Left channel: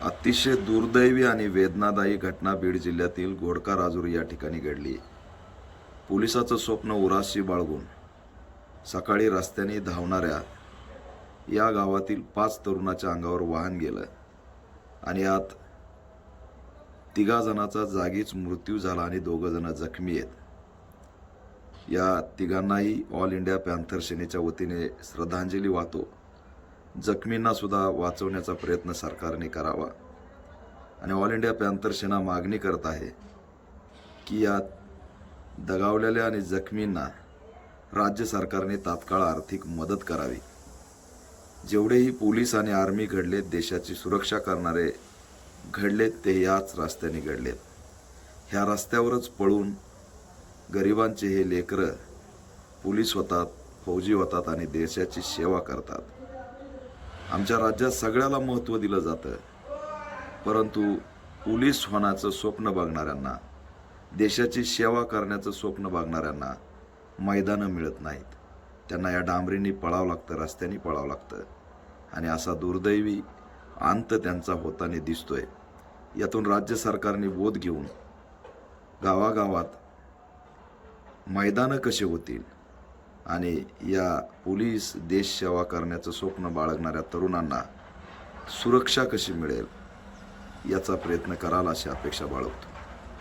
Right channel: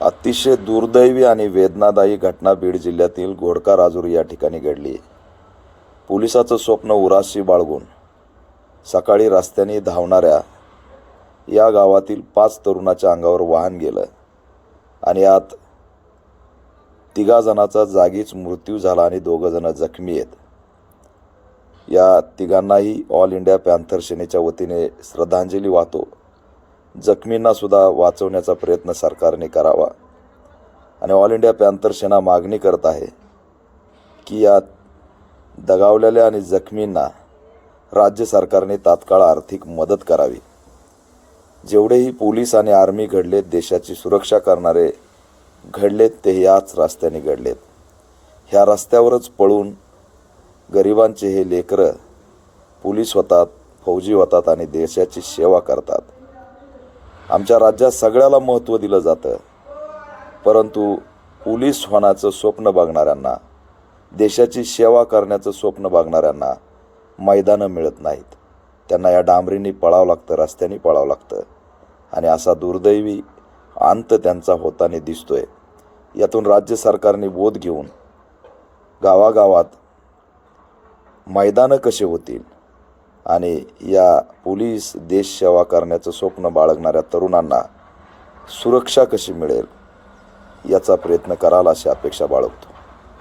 अतिशय दुर्दैवी आणि वेदनादायी घटना बीड जिल्ह्यातील घोडका राजूर या ठिकाणी घडली. पोलिसाचं स्वप्न उराशी बाळगून सकाळी रस्त्याने धावणाऱ्या या गावातील 5 तरुणाच्या अंगावर वाहन गेलं आणि यात 3 जणांचा जागीच मृत्यू झाला आणि 2 जण जखमी आहेत. या तिघांनाही ऑल इंडिया पॅन्थर सेनेच्या वतीने श्रद्धांजली वाहतो. जखमींना सुद्धा वाचवण्याचा प्रयत्न सरकारने करावा आणि ऑल इंडिया पॅन्थर सेना मागणी करत आहे की या दगावलेल्या आणि जखमींना राज्य सरकारने तात्काळ आर्थिक मदत करावी. जेवढेही पोलीस आणि आर्मी घडलेत, देशाची सुरक्षा करणारे घडलेत, ते याच रस्त्याने घडलेत. ह्या रस्त्यावरच पळून गरिबांचे हे लेकरं पोलीस होतात, फौजी होतात आणि देशाची सेवा करतात. आमच्या राज्यात सगळ्याला महत्त्व दिलं जातं, परंतु पोलीस होण्याचं स्वप्न बघणाऱ्यांना, देशाची सेवा करण्याचं स्वप्न बघणाऱ्यांना मैदानं मिळत नाहीत. त्यांना या डांबरींनी पळावं लागतं, रस्त्याने पळावं लागतं आणि असा दुर्दैवी अंत त्यांचा होताना दिसतोय. यातून राज्य सरकारने बोध घेऊन गावागावात मैदानं कसे होतील आणि या पोलीस देश सेवा करण्याचं स्वप्न बाळगणाऱ्या तरुणांना सुरक्षा कशी मिळेल याचा प्रयत्न कराल अशी अपेक्षा बाळगतो.